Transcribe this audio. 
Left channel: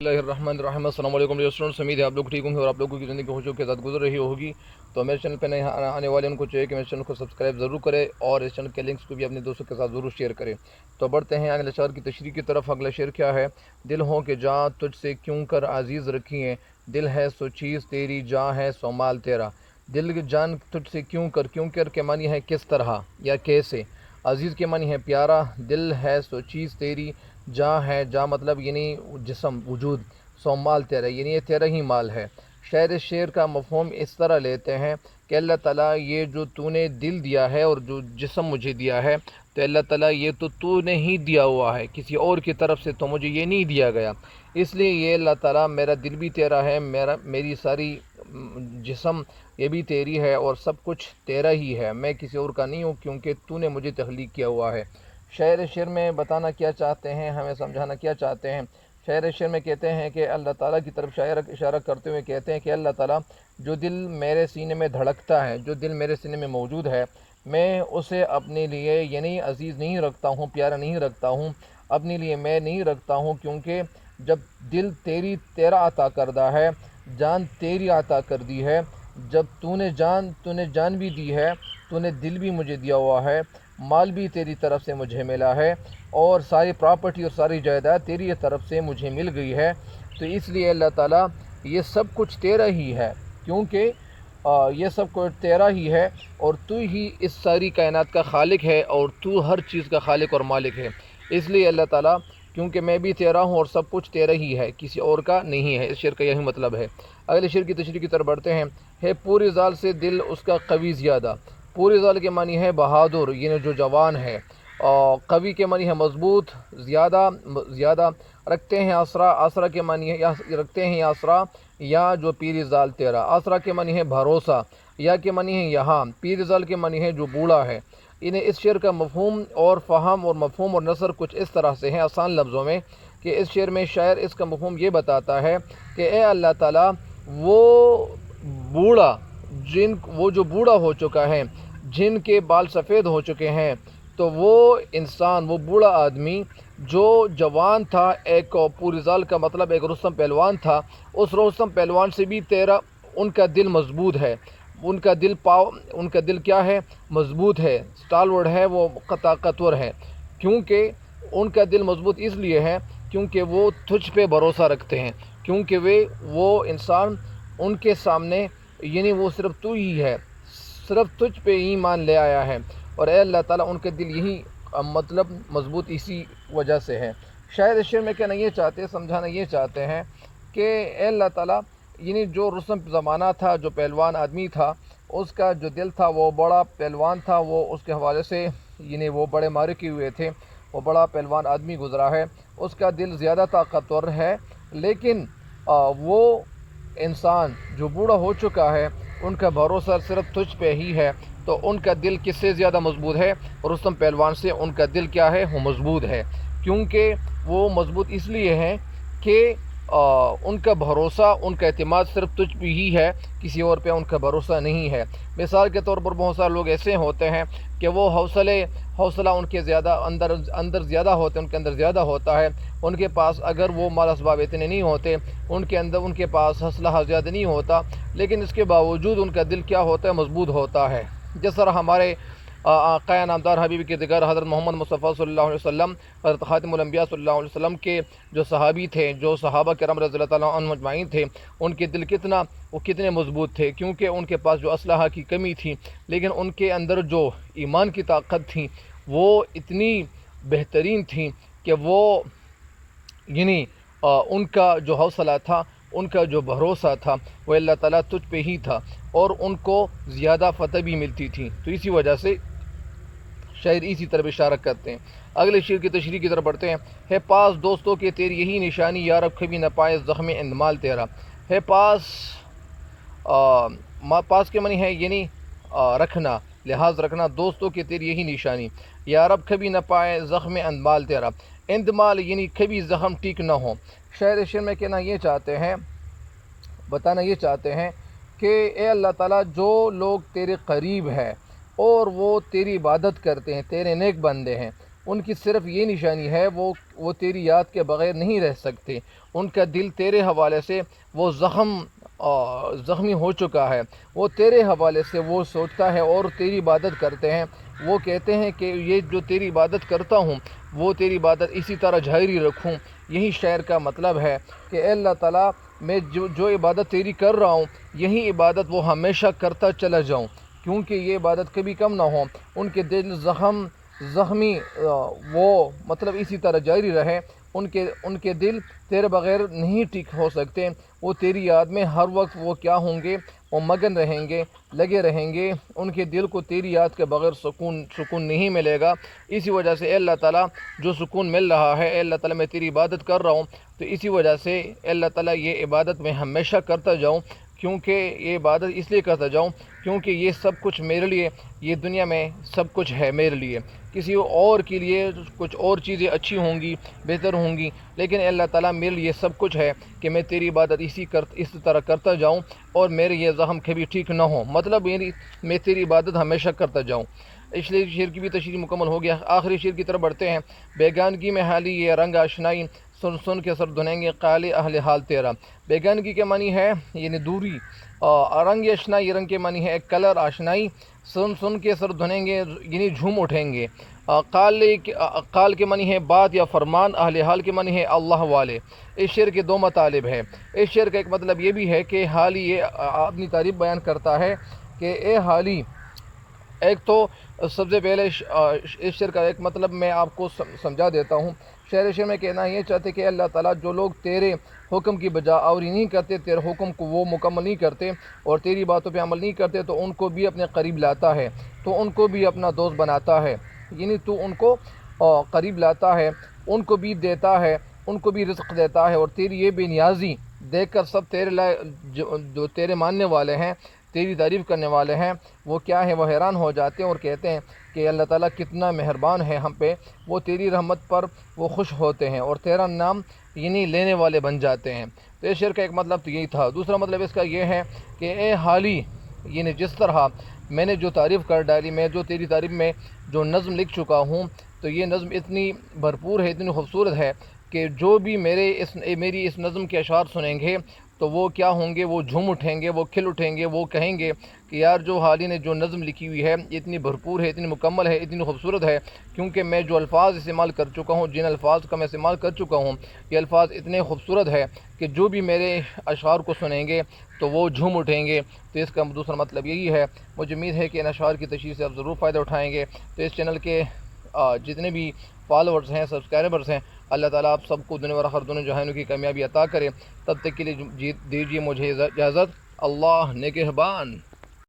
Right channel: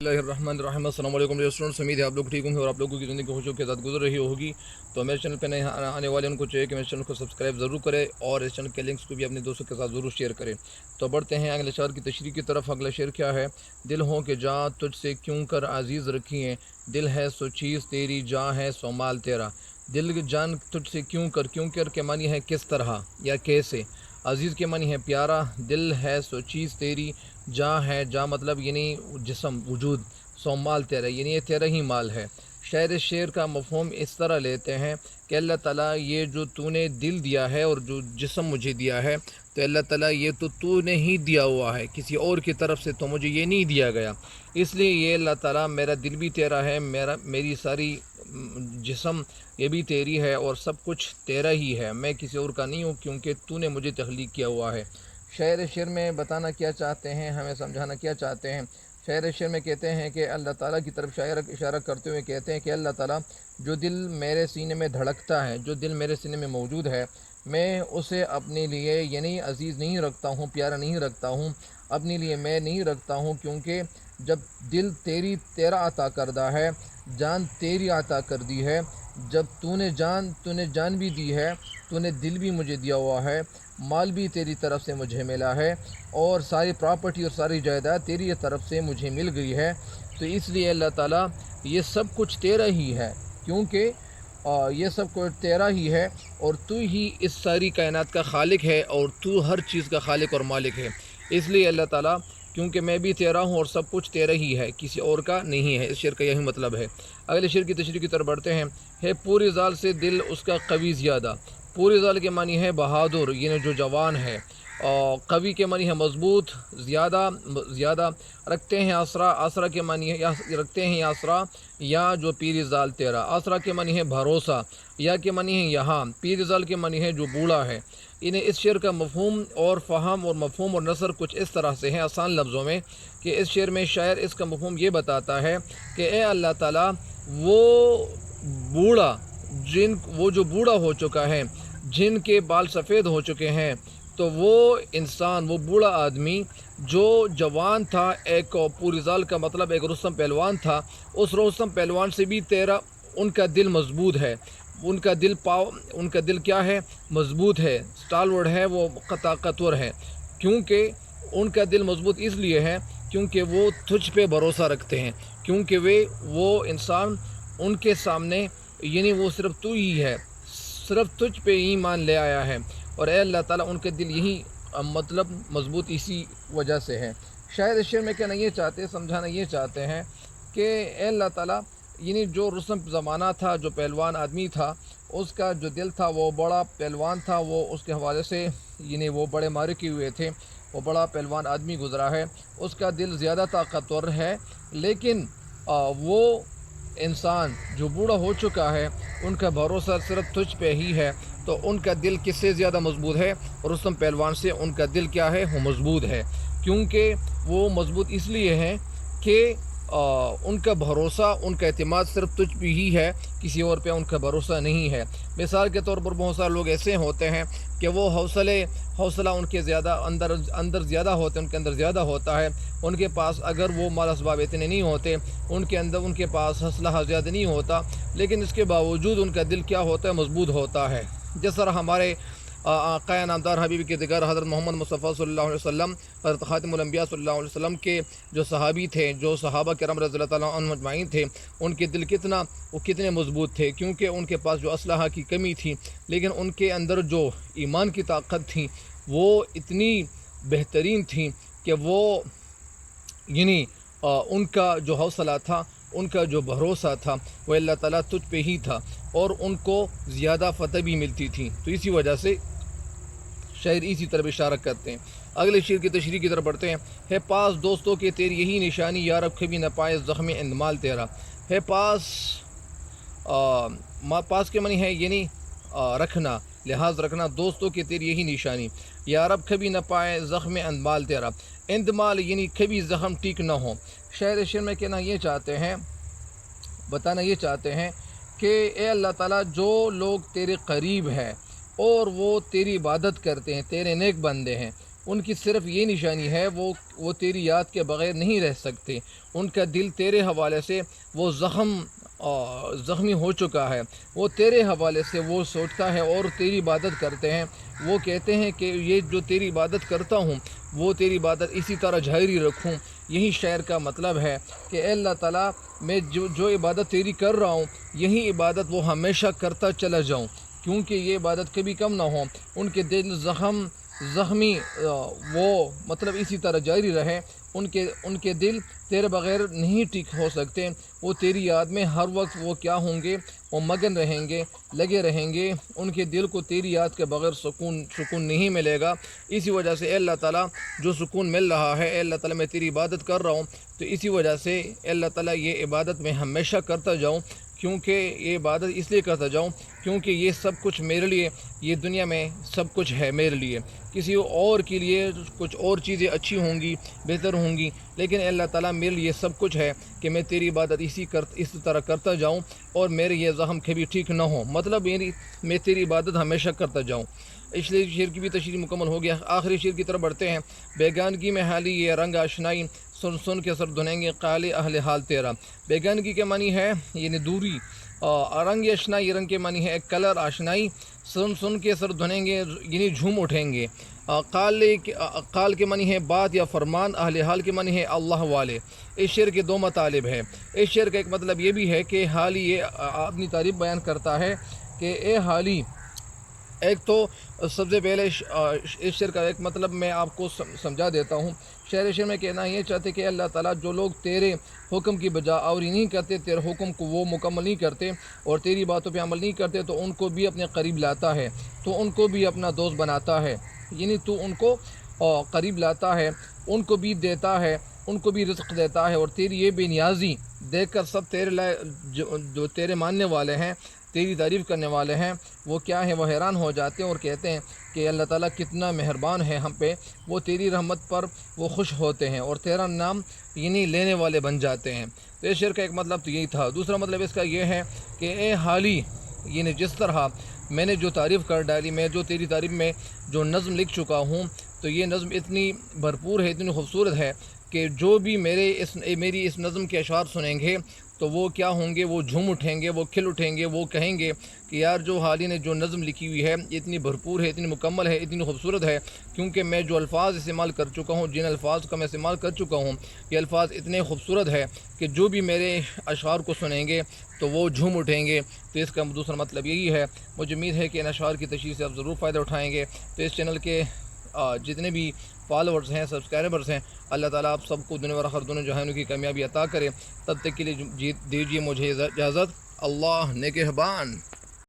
बिस्मिल्लाहिर्रहमानिर्रहीम। अस्सलाम वालेकुम स्टूडेंट्स, उम्मीद है आप लोग ठीक होंगे और आप लोगों की ज़िंदगी खुशियों के साथ गुजर रही होगी। तो मेरे चैनल पे नए आने वाले उनको चाहिए कि मेरे चैनल को सब्सक्राइब ज़रूर करें और इस चैनल के लिंक्स को भी अपने दोस्तों के साथ ज़रूर शेयर करें। तो बढ़ते हैं अगले शेर की तशरीह की तरफ। अगला शेर क्या है? दिल हो कि जा तुझसे क्यों कर अजीज़ रखिए, दिल है सो चीज़ तेरी, जा है सो माल तेरा। दिल जान तुझसे क्यों कर के मानी है किस तरह या कैसे। अजीज़ के मानी है प्यारा, दिल है सो चीज़ तेरी, जा है जा मतलब यानी जिस्म वजूद, सो माल तेरा यानी ये तेरा ही माल है। शायर शेर का मफहूम इस तरह लेते हैं कि अल्लाह ताला ये जो तूने दिल दिया है और जो जिस्म मुझे दिया है, तो अल्लाह ताला ये तो तूने ही दिया हुआ है, किसी और की तरफ से तो मुझे ये नहीं दिया गया। इसलिए ये अल्लाह ताला मेरा दिल भी तेरा है, मेरी सारी जिस्म ये भी तेरी है और सब कुछ तेरा ही है, मैं किसी और का नहीं हूँ क्योंकि तूने मुझे तख्लीक किया हुआ है। शायर शेर में बताना क्या चाहते हैं, हमें समझाना क्या चाहते हैं? शायर शेर में कहते हैं कि अल्लाह ताला की तरफ शायर इशारा करते हुए कहते हैं कि अल्लाह ताला जो दिल मेरे सीने में धड़कता है, जो दिल मेरे सीने में मौजूद है, मैं उसे अपने लिए यानी अजीज़ नहीं रखता हूँ, प्यारा नहीं रखता हूँ, अपने लिए मैं नहीं रखता हूँ। क्योंकि जब दिल तेरा अता करदा है, जान तेरी अता कर दी है, जब तूने जान भी दी है, तूने दिल भी मुझे दिया हुआ है, माल भी तेरी तरफ से मुझे मिला है और सारी प्रॉपर्टी और सारी जायदाद तेरी तरफ से मुझे मिल गई है। तो इसलिए अल्लाह ताला ये सब कुछ तेरा ही है, क्योंकि ये सब कुछ तेरा ही है और तू ही इस सारी कायनात का खालिक है और तू हर चीज़ का खालिक और मालिक है। इसलिए अल्लाह ताला, क्योंकि मैं भी तेरा हूँ और सब कुछ तेरा ही है, किसी और का नहीं है। इस शेर का यही मतलब है। अगले शेर की तशरीह की तरफ बढ़ते हैं। है पूरी जाल से दिल उसका कवी ज़्यादा। पूरी जाल के मानी है बहादुर, यानी जो जवान है। और कवि के मानी है मजबूत, ज़्यादा रखते हैं आसरा। आसरा के मानी है या रखते हैं आसरा या जो पीर जाल तेरा। आसरा के मानी है भरोसा, या के मानी है यहाँ। पीर जाल के मानी है जो बूढ़ा है। इन्हें इस शेर का मफहूम और फ़हम और मफहूम और नसर कुछ इस तरह से है आसान लफ्ज़ों में कि इस शेर में शायर इसका मफहूम ये बताता है कि ए अल्लाह ताला, बूढ़ा वो जो बूढ़ा हो चुका है, जिनके बाल सफ़ेद हो चुके हैं, तो वो इंसान, वो बूढ़ा आदमी जो जवान था, एक पूरी का मतलब एक रुस्तम पहलवान था, उस रुस्तम पहलवान से भी तेरा उनका दिल मजबूत है। उनका दिल क्या है? मजबूत है, स्टालवर्ड है, वो ताकतवर है। क्योंकि उनका दिल मजबूत इसलिए है क्योंकि वो तुझ पे भरोसा रखते हैं, क्योंकि वो इंसान उनके सामने यानी वो सिर्फ तू ही है, सिर्फ तुझ पे ईमान ले आया है। और ए अल्लाह ताला, उनके दिल यही मतलब मजबूत इसी वजह से है। शायद इस शेर में कहना ये चाहते हैं, समझाना ये चाहते हैं कि ए अल्लाह ताला, यानी जो रुस्तम ज़माना था, जो पहलवान आदमी था, उसका जो दिल था वो बड़ा पहलवान था, वो उसके हवाले से यानी वो बड़े मारे किए हुए थे, वो बड़ा पहलवान आदमी गुज़रा है, उसका दिल ज़्यादा ताकतवर है। लेकिन वो इंसान जो बूढ़ा हो चुका है, उनका भरोसा सिर्फ तुझ पे ही है। तो उनका दिल किससे ज़्यादा मजबूत है? रुस्तम पहलवान से उनका दिल क्या है? वो मजबूत है। क्योंकि वो मजबूत इसलिए है कि उनका भरोसा, उनका एतमाद सिर्फ तुझ पे ही है, किसी और पे उनका भरोसा नहीं है। मिसाल के तौर पर बहुत सारे लोग ऐसे होते हैं कि वो हौसला उनके ज़्यादा अंदर ज़्यादा होते हैं, उनके अंदर ज़्यादा होता है। उनके पास अगर वो माल असबाब इतने नहीं होते, उनके पास हौसला ज़्यादा नहीं होता, लेकिन इसके बावजूद उनका दिल क्या होता है? मजबूत होता है। जिस तरह हमारे आक़ा नामदार हबीब के दिगर हज़रत मोहम्मद मुस्तफ़ा सल्लल्लाहु अलैहि वसल्लम, हज़रत ख़ातिमुल अंबिया सल्लल्लाहु अलैहि वसल्लम के जो सहाबी थे, जो सहाबा किराम रज़ियल्लाहु ताला अन्हुम अजमाइन थे, उनके दिल कितने मजबूत थे। क्योंकि उनके पास जो असलहा की कमी थी, लेकिन उनके अंदर जो ईमान की ताकत थी वो इतनी बेहतरीन थी कि वो यानी उनका जो हौसला था, उनका जो भरोसा था, वो अल्लाह ताला तुझ पे ही था और उनको ज़्यादा फ़तह भी मिलती थी। तो इसी वजह से शायर इसी तरफ इशारा करते हैं। अगले शेर की तशरीह की तरफ बढ़ते हैं। है पास दोस्तों के तेरी यही निशानी, यारब कभी न पाए ज़ख्म इंदमाल तेरा। है पास के मनी है यानी रखना, लिहाज रखना, दोस्तों के तेरी यही निशानी, यारब कभी न पाए ज़ख्म इंदमाल तेरा। इंदमाल यानी कभी ज़ख्म ठीक न हो। शायर शेर में कहना ये चाहते हैं, बताना ये चाहते हैं कि ए अल्लाह ताला, जो लोग तेरे करीब हैं और वो तेरी इबादत करते हैं, तेरे नेक बंदे हैं, ان کی صرف یہ نشانی ہے وہ تیری یاد کے بغیر نہیں رہ سکتے، ان کا دل تیرے حوالے سے وہ زخمی ہو چکا ہے، وہ تیرے حوالے سے وہ سوچتا ہے اور تیری عبادت کرتے ہیں، وہ کہتے ہیں کہ یہ جو تیری عبادت کرتا ہوں وہ تیری عبادت اسی طرح جاری رکھوں۔ یہی شعر کا مطلب ہے کہ اے اللہ تعالیٰ میں جو عبادت تیری کر رہا ہوں یہی عبادت وہ ہمیشہ کرتا چلا جاؤں، کیونکہ یہ عبادت کبھی کم نہ ہو، ان کے دل زخمی وہ مطلب اسی طرح جاری رہے، ان کے دل تیرے بغیر نہیں ٹک ہو سکتے، وہ تیری یاد میں ہر وقت وہ کیا ہوں گے، وہ مگن رہیں گے، لگے رہیں گے، ان کے دل کو تیری یاد کے بغیر سکون نہیں ملے گا۔ اسی وجہ سے اے اللہ تعالیٰ جو سکون مل رہا ہے، اے اللہ تعالیٰ میں تیری عبادت کر رہا ہوں، تو اسی وجہ سے اے اللہ تعالیٰ یہ عبادت میں ہمیشہ کرتا جاؤں، کیونکہ یہ عبادت اس لیے کرتا جاؤں کیونکہ یہ سب کچھ میرے لیے، یہ دنیا میں سب کچھ ہے میرے لیے، کسی اور کے لیے کچھ اور چیزیں اچھی ہوں گی، بہتر ہوں گی، لیکن اللہ تعالیٰ میرے لیے سب کچھ ہے کہ میں تیری عبادت اسی طرح کرتا جاؤں اور میرے یہ زخم کبھی ٹھیک نہ ہو، مطلب میں تیری عبادت ہمیشہ کرتا جاؤں۔ اس لیے شعر کی بھی تشریح مکمل ہو گیا، آخری شعر کی طرف بڑھتے ہیں۔ بیگانگی میں حالی یہ رنگ آشنائی، سن کے سر دھنیں گے قالِ اہل حال تیرا۔ بیگانگی کے معنی ہے یعنی دوری، رنگ آشنائی، رنگ کے معنی ہے ایک کلر آشنائی، سن کے سر دھنیں گے یعنی جھوم اٹھیں گے۔ قال کے معنی ہے بات یا فرمان، اہل حال کے معنی ہے اللہ والے۔ اس شعر کے دو مطالب ہیں۔ اس شعر کا ایک مطلب یہ بھی ہے کہ حالی یہ اپنی تعریف بیان کرتا ہے کہ اے حالی، ایک تو سب سے پہلے اس شعر کا ایک مطلب میں آپ کو سمجھا دیتا ہوں۔ شعر میں کہنا یہ چاہتے کہ اللہ تعالیٰ جو لوگ تیرے حکم کی بجا آوری نہیں کرتے، تیرے حکم کو وہ مکمل نہیں کرتے اور تیری باتوں پہ عمل نہیں کرتے، تو ان کو بھی اپنے قریب لاتا ہے، تو ان کو بھی اپنا دوست بناتا ہے، یعنی تو ان کو قریب لاتا ہے، ان کو بھی دیتا ہے، ان کو بھی رزق دیتا ہے، اور تیری یہ بے نیازی دیکھ کر سب تیرے جو تیرے ماننے والے ہیں، تیری تعریف کرنے والے ہیں، وہ کیا ہیں، وہ حیران ہو جاتے ہیں اور کہتے ہیں کہ اللہ تعالیٰ کتنا مہربان ہے ہم پہ، وہ تیری رحمت پر وہ خوش ہوتے ہیں اور تیرا نام یعنی لینے والے بن جاتے ہیں۔ تو اس شعر کا ایک مطلب تو یہی تھا۔ دوسرا مطلب اس کا یہ ہے کہ اے حالی، یعنی جس طرح میں نے جو تعریف کر ڈالی، میں جو تیری تعریف میں جو نظم لکھ چکا ہوں، تو یہ نظم اتنی بھرپور ہے، اتنی خوبصورت ہے کہ جو بھی میری اس نظم کے اشعار سنیں گے تو وہ کیا ہوں گے، وہ جھوم اٹھیں گے، وہ کھل اٹھیں گے، وہ کہیں گے کہ یار جو حالی نے جو نظم لکھی ہوئی ہے اتنی بھرپور ہے، اتنی مکمل ہے، اتنی خوبصورت ہے، کیونکہ میں جو الفاظ استعمال کر چکا ہوں، جن الفاظ کا میں استعمال کر چکا ہوں، یہ الفاظ اتنے خوبصورت ہے کہ جو بھی میرے اشعار کو سنیں گے تو وہ جھوم اٹھیں گے۔ تو اس کا دوسرا مطلب یہی ہے۔ مجھے امید ہے کہ ان اشعار کی تشریح سے آپ ضرور فائدہ اٹھائیں گے۔ تو اس چینل کے جتنے بھی فالوورز ہیں، سبسکرائبرز ہیں، اللہ تعالیٰ آپ سب کو دنیا اور آخرت دونوں جہانوں کی کامیابی عطا کرے۔ تب تک کے لیے دیجیے مجھے اجازت۔ اللہ نگہبان۔